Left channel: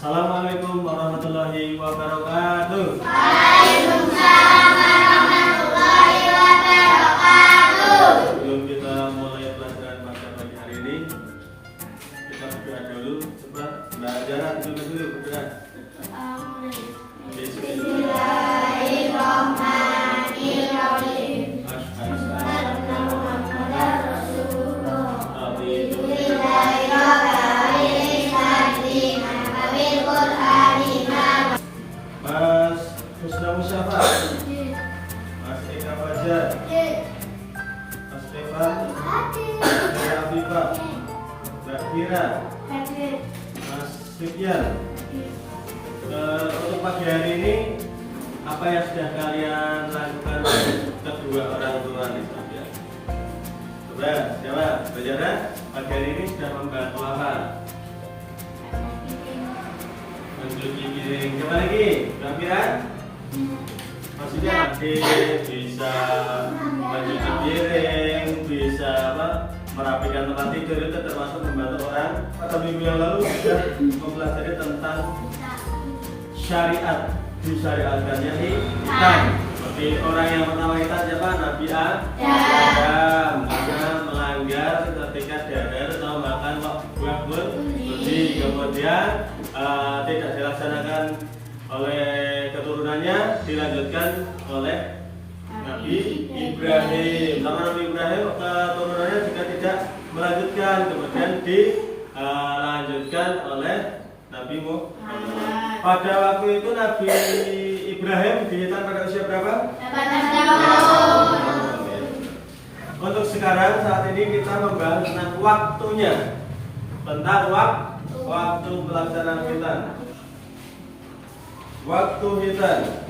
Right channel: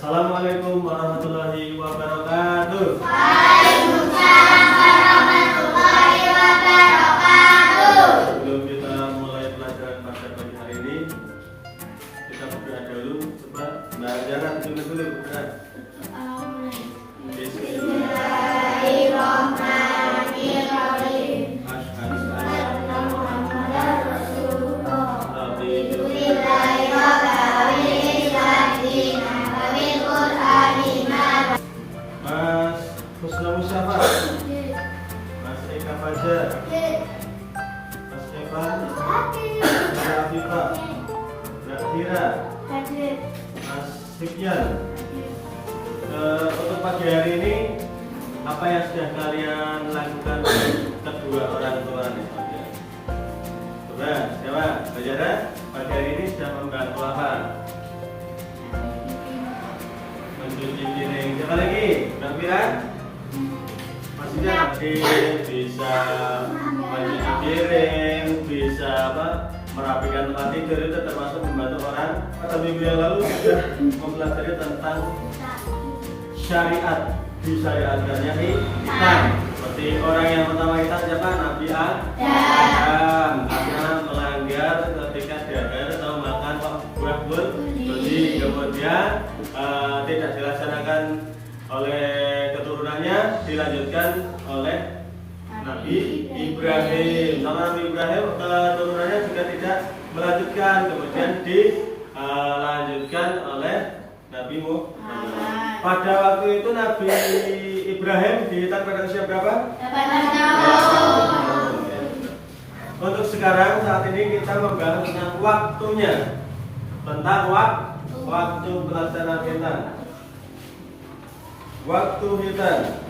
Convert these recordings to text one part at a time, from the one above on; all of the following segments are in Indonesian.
Assalamualaikum warahmatullahi wabarakatuh. Waalaikumsalam warahmatullahi wabarakatuh. Sebelum kita mulai pelajaran pada pagi hari ini, kita berdoa dulu. Coba belajar dulu berdoa. Bismillahirrahmanirrahim. Mas Husna Musyafa, Mas Eka Fajar, Mas Evan, Mas Afifah, Mbak Kira, Mas Fikyan. Untuk pagi hari ini, apa yang sudah kalian lakukan kedua orang tua nih? Coba, jawab. Belajar pagi hari ini sudah membantu apa? Mencuci piring. Coba lagi, Mbak Fira. Maksudnya bisa mencuci piring, bisa apa? Merapikan tempat tidur, itu termasuk membantu orang. Pada minggu yang lalu sudah mempelajari tentang syariat, disyariatkannya hitam. Seperti orang yang pertama kita siapa? Nabi Adam, karena melanggar ketika dahar atau makan buah jadi kemudian tidak dilaksanakan oleh keturunannya, dilanjutkan oleh Nabi Ibrahim. Sama Nabi Ibrahim keturunannya juga tidak melanjutkan, kemudian dilanjutkan oleh Nabi Muhammad. Pada waktu itu Nabi Ibrahim dihitam pada usia berapa? 8 tahun. Untuk sekarang saat ini kita membahas tentang waktunya, tentang waktu pelaksanaan hitam. Waktu hitam.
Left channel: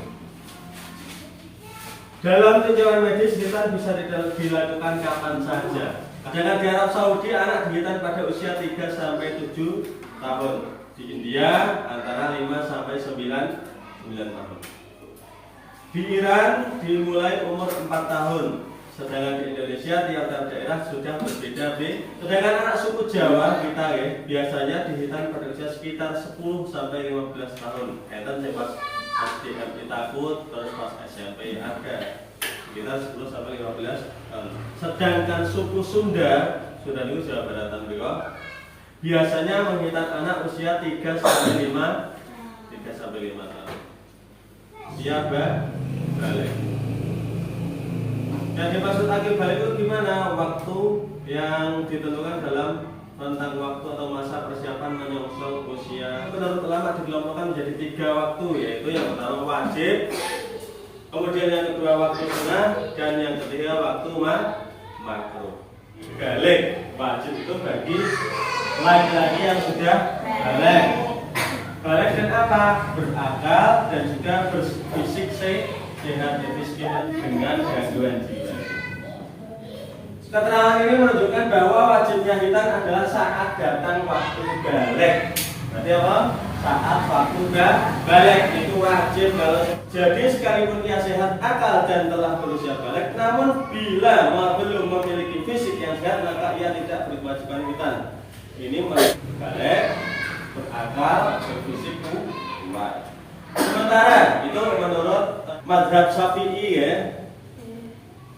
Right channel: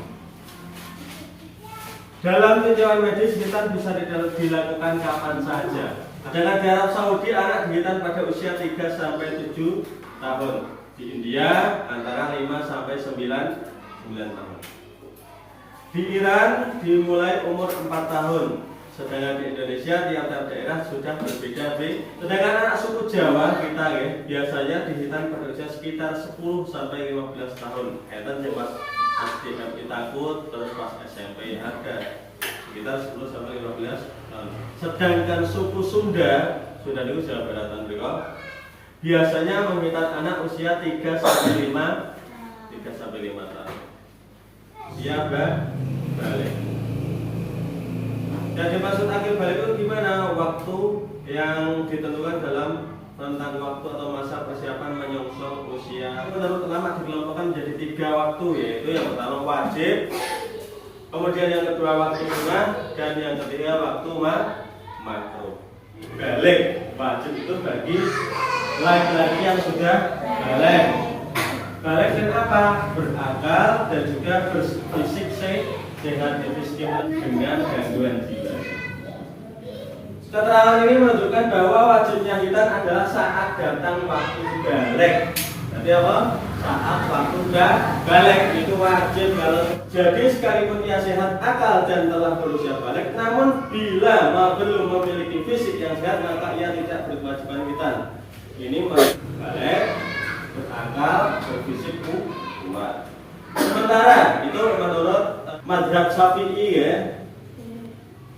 Dalam tinjauan medis hitam bisa dilakukan kapan saja. Dengan di Arab Saudi anak dihitam pada usia 3 sampai 7 tahun. Di India antara 5 sampai 9 tahun. Di Iran dimulai umur 4 tahun. Sedangkan di Indonesia tiap-tiap daerah sudah berbeda. Sedangkan anak suku Jawa kita biasanya dihitam pada usia sekitar 10 sampai 15 tahun. Itu pas SDM kita akut, terus pas SMP ada sekitar 10 sampai 15 tahun. Sedangkan suku Sunda itu Jawa Baratan berikut biasanya menghitam anak usia 3 sampai 5 tahun. Dia balik. Dan dimaksud akil balik itu gimana? Waktu yang ditentukan dalam tentang waktu atau masa persiapan menyongsong usia. Menurut ulama dikelompokkan menjadi 3 waktu, yaitu yang pertama wajib, kemudian yang kedua waktu sunnah, dan yang ketiga waktu makruh. Balik wajib itu bagi laki-laki yang sudah balik. Balik dan apa? Berakal dan juga berfisik sehat, miskin dengan gangguan jiwa. Keterangan ini menunjukkan bahwa wajibnya hitan adalah saat datang waktu balik. Berarti apa? Saat waktu balik itu wajib kalau. Jadi sekalipun ia sehat akal dan telah berusia balik, namun bila belum memiliki fisik yang sehat maka ia tidak berkewajiban hitan. Ini balik, berakal, berfisik kuat. Sementara itu menurut mazhab Syafi'i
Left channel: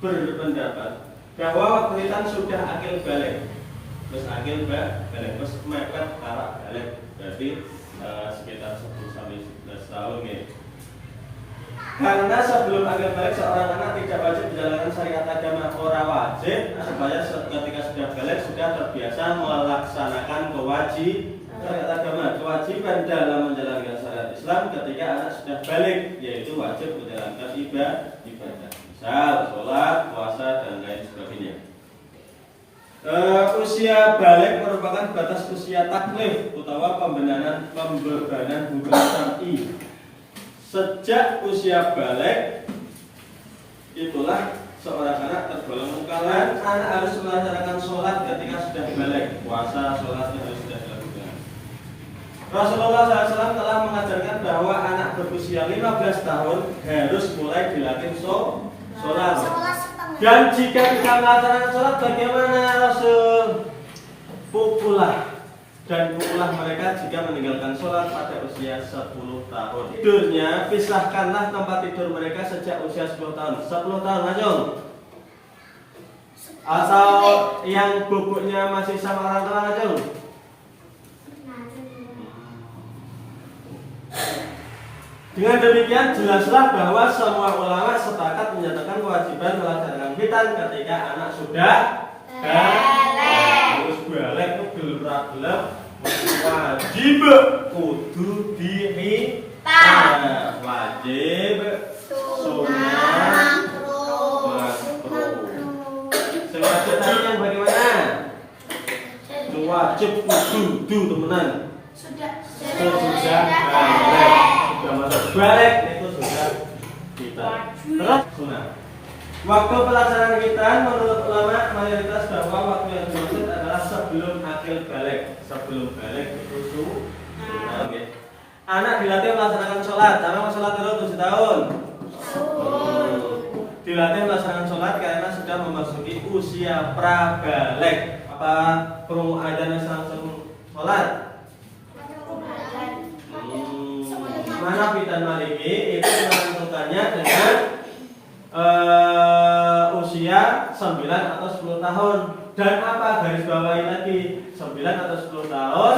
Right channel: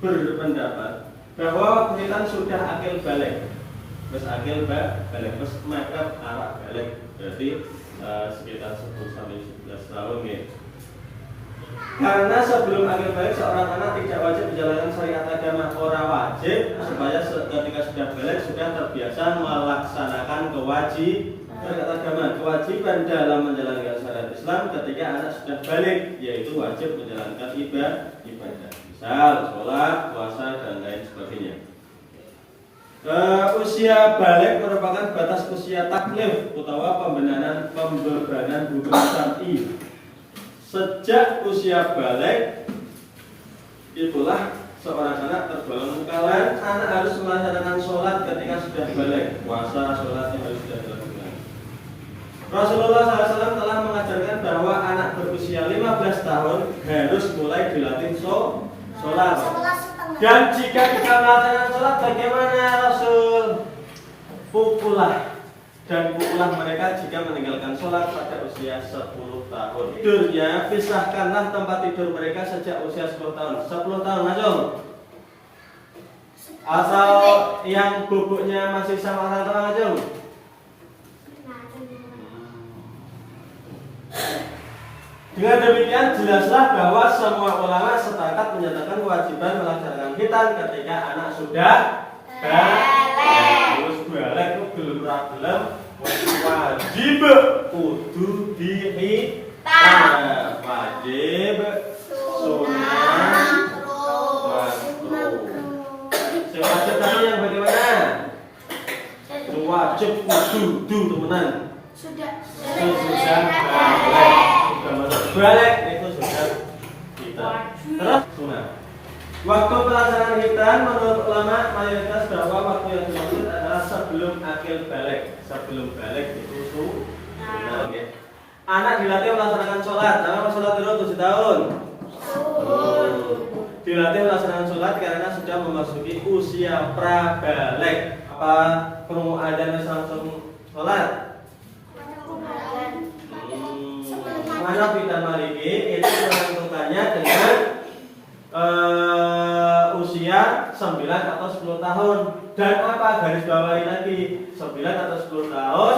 berpendapat bahwa waktu hitam sudah akil balik, terus akil balik, terus mepet arah balik, berarti sekitar 10 sampai 11 tahun Karena sebelum akil balik seorang anak tidak wajib menjalankan syariat agama, ora wajib supaya ketika sudah balik sudah terbiasa melaksanakan kewajiban dalam menjalankan syariat Islam ketika anak sudah balik, yaitu wajib menjalankan ibadah, misal sholat, puasa dan lain sebagainya. Usia balik merupakan batas usia taklif utawa pembebanan hukum syar'i. Sejak usia balik itulah seorang anak tergolong mukallaf. Anak harus melaksanakan sholat ketika sudah balik, puasa, sholatnya harus sudah dilakukan. Rasulullah SAW telah mengajarkan bahwa anak berusia 15 tahun harus mulai dilatih sholat. Dan jika tidak melaksanakan sholat bagaimana Rasul? Pukullah dan pukullah mereka jika meninggalkan sholat pada usia 10 tahun. Tidurnya, pisahkanlah tempat tidur mereka sejak usia 10 tahun. 10 tahun langsung. Atau yang boboknya masih sama orang tua langsung. Dengan demikian jelaslah bahwa semua ulama sepakat menyatakan kewajiban melaksanakan khitan ketika anak sudah balik. Balik itu belum wajib kudu dihitan. Wajib sunah makruh. Wajib tadi yang bagaimana? Wajib kudu teman-teman. Sudah balik. Balik itu sudah kita. Terus sunnah. Waktu pelaksanaan khitan menurut ulama mayoritas bahwa waktu yang dimaksud adalah sebelum akil balik. Sebelum balik itu sunnah. Okay. Anak dilatih melaksanakan sholat. Karena sholat dulu 7 tahun. Dilatih melaksanakan sholat karena sudah memasuki usia prabalik. Apa perlu adzan langsung sholat? Hanafi dan Maliki itu menentukannya dengan usia 9 atau 10 tahun. Dan apa garis bawahi lagi? 9 atau 10 tahun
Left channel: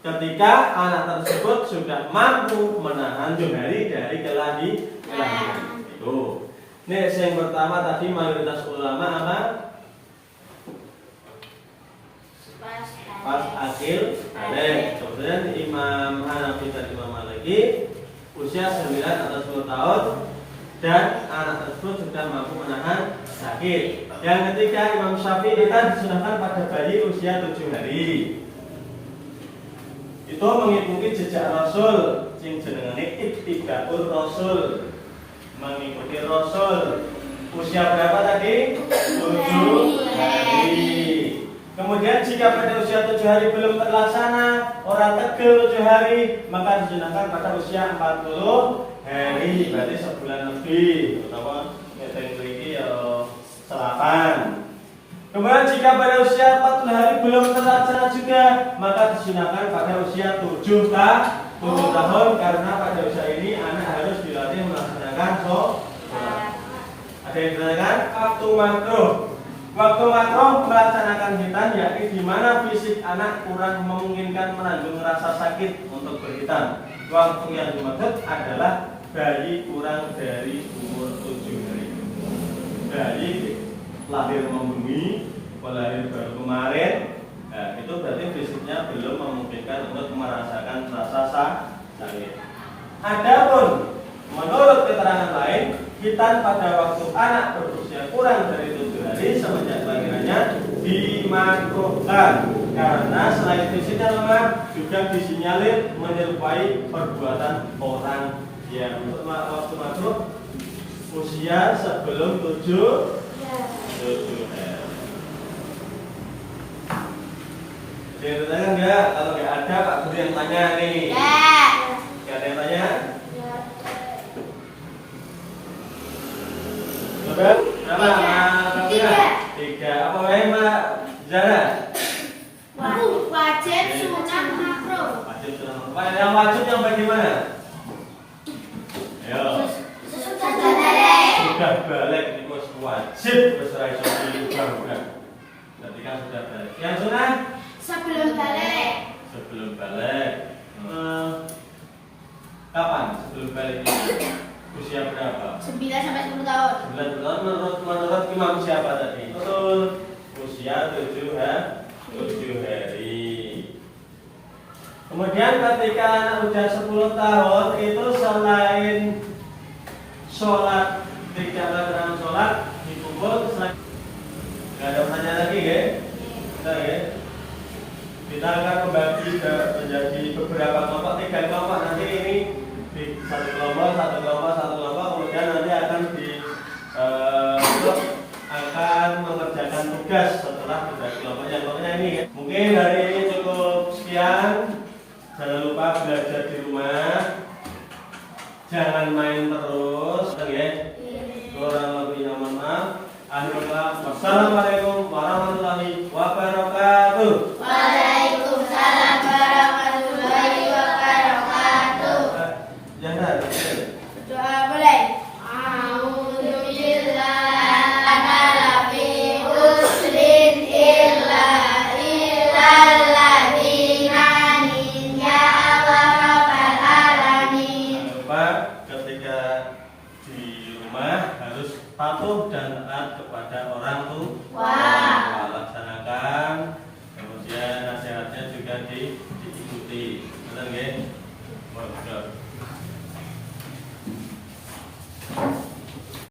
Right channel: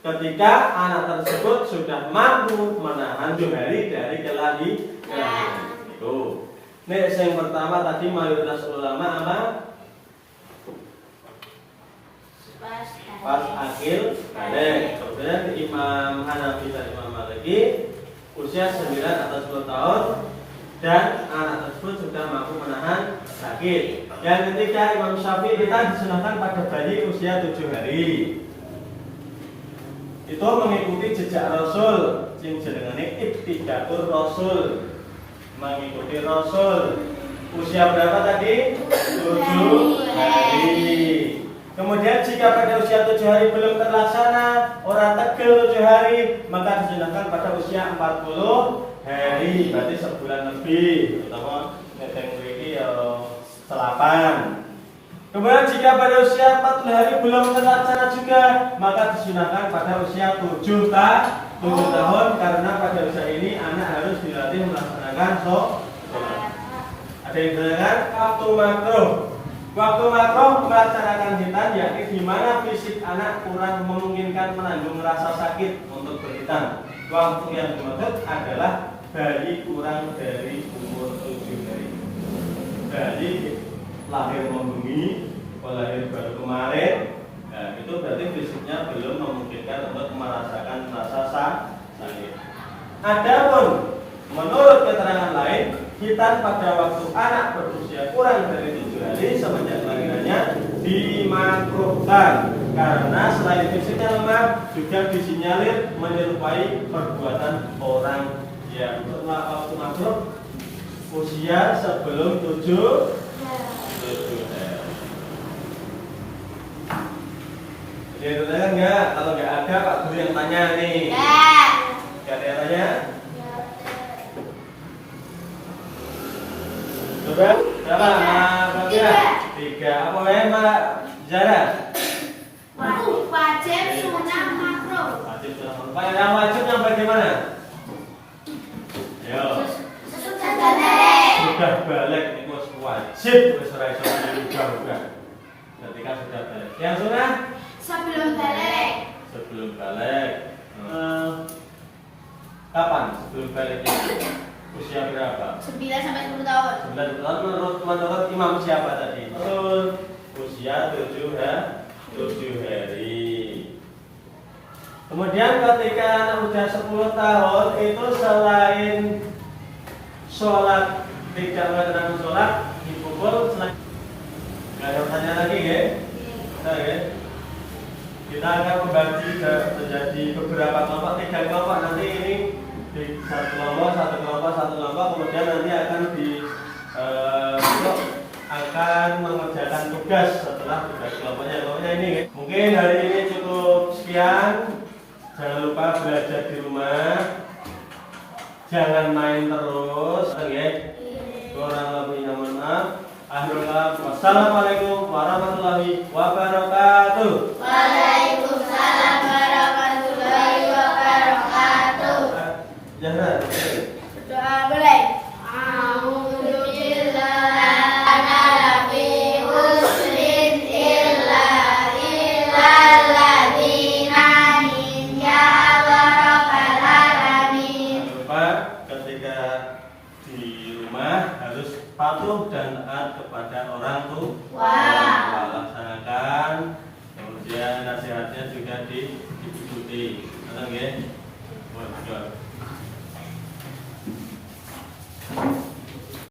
ketika anak tersebut sudah mampu menahan jari dari kelahiran. Itu. Nih yang pertama tadi mayoritas ulama apa? Pas akil balik. Kemudian Imam Hanafi dan Imam Maliki usia 9 atau 10 tahun dan anak tersebut sudah mampu menahan sakit. Yang ketiga Imam Syafi'i kita disunahkan pada bayi usia 7 hari. Itu mengikuti jejak Rasul, sing jenengane Ittiba'ur Rasul. Mengikuti Rasul. Usia berapa tadi? 7 hari. Kemudian jika pada usia 7 hari belum terlaksana, orang tegel 7 hari, maka disunahkan pada usia 40 hari, berarti sebulan lebih, terutama ngeteng ini selapan. Kemudian jika pada usia 40 hari belum terlaksana juga, maka disunahkan pada usia 7 tahun, karena pada usia ini anak harus dilatih melaksanakan sholat. Ada yang dikatakan waktu makruh. Waktu makruh melaksanakan khitan yakni di mana fisik anak kurang memungkinkan menanggung rasa sakit untuk berkhitan. Waktu yang dimaksud adalah bayi kurang dari umur 7 hari. Bayi lahir membumi, lahir baru kemarin, nah, itu berarti fisiknya belum memungkinkan untuk merasakan rasa sakit. Adapun menurut keterangan lain, khitan pada waktu anak berusia kurang dari 7 hari semenjak kelahirannya dimakruhkan karena selain fisiknya lemah juga disinyalir menyerupai perbuatan orang yang waktu makruh usia sebelum 7 hari. Jadi tanya enggak? Kalau enggak ada Pak Guru yang tanya nih. Enggak ada yang tanya? Berapa? Tiga. Apa ya Mbak Zara? Wajib sunah makruh. Wajib sunah makruh. Yang wajib yang bagaimana? Yo. Sudah balik itu wajib berserai juga. Ketika sudah balik. Yang sunah? Sebelum balik. Sebelum balik. Kapan sebelum baliknya? Usia berapa? 9 sampai 10 tahun. 9 tahun menurut imam siapa tadi? Betul. Usia 7 hari. Kemudian ketika anak udah 10 tahun itu selain sholat tidak melakukan sholat dipukul selain nggak ada pertanyaan lagi ya? Kita ya. Kita akan membagi menjadi beberapa kelompok, 3 kelompok nanti ini. Di satu kelompok, kemudian nanti akan akan mengerjakan tugas setelah dibagi kelompoknya ini. Mungkin hari ini cukup sekian. Jangan lupa belajar di rumah, jangan main terus, ya. Kurang lebihnya mohon maaf. Wassalamualaikum warahmatullahi wabarakatuh. Waalaikumsalam. ketika di rumah harus patuh dan taat kepada orang tua. Laksanakan. Kemudian nasihatnya juga diikuti. Benar nggih? Waduh.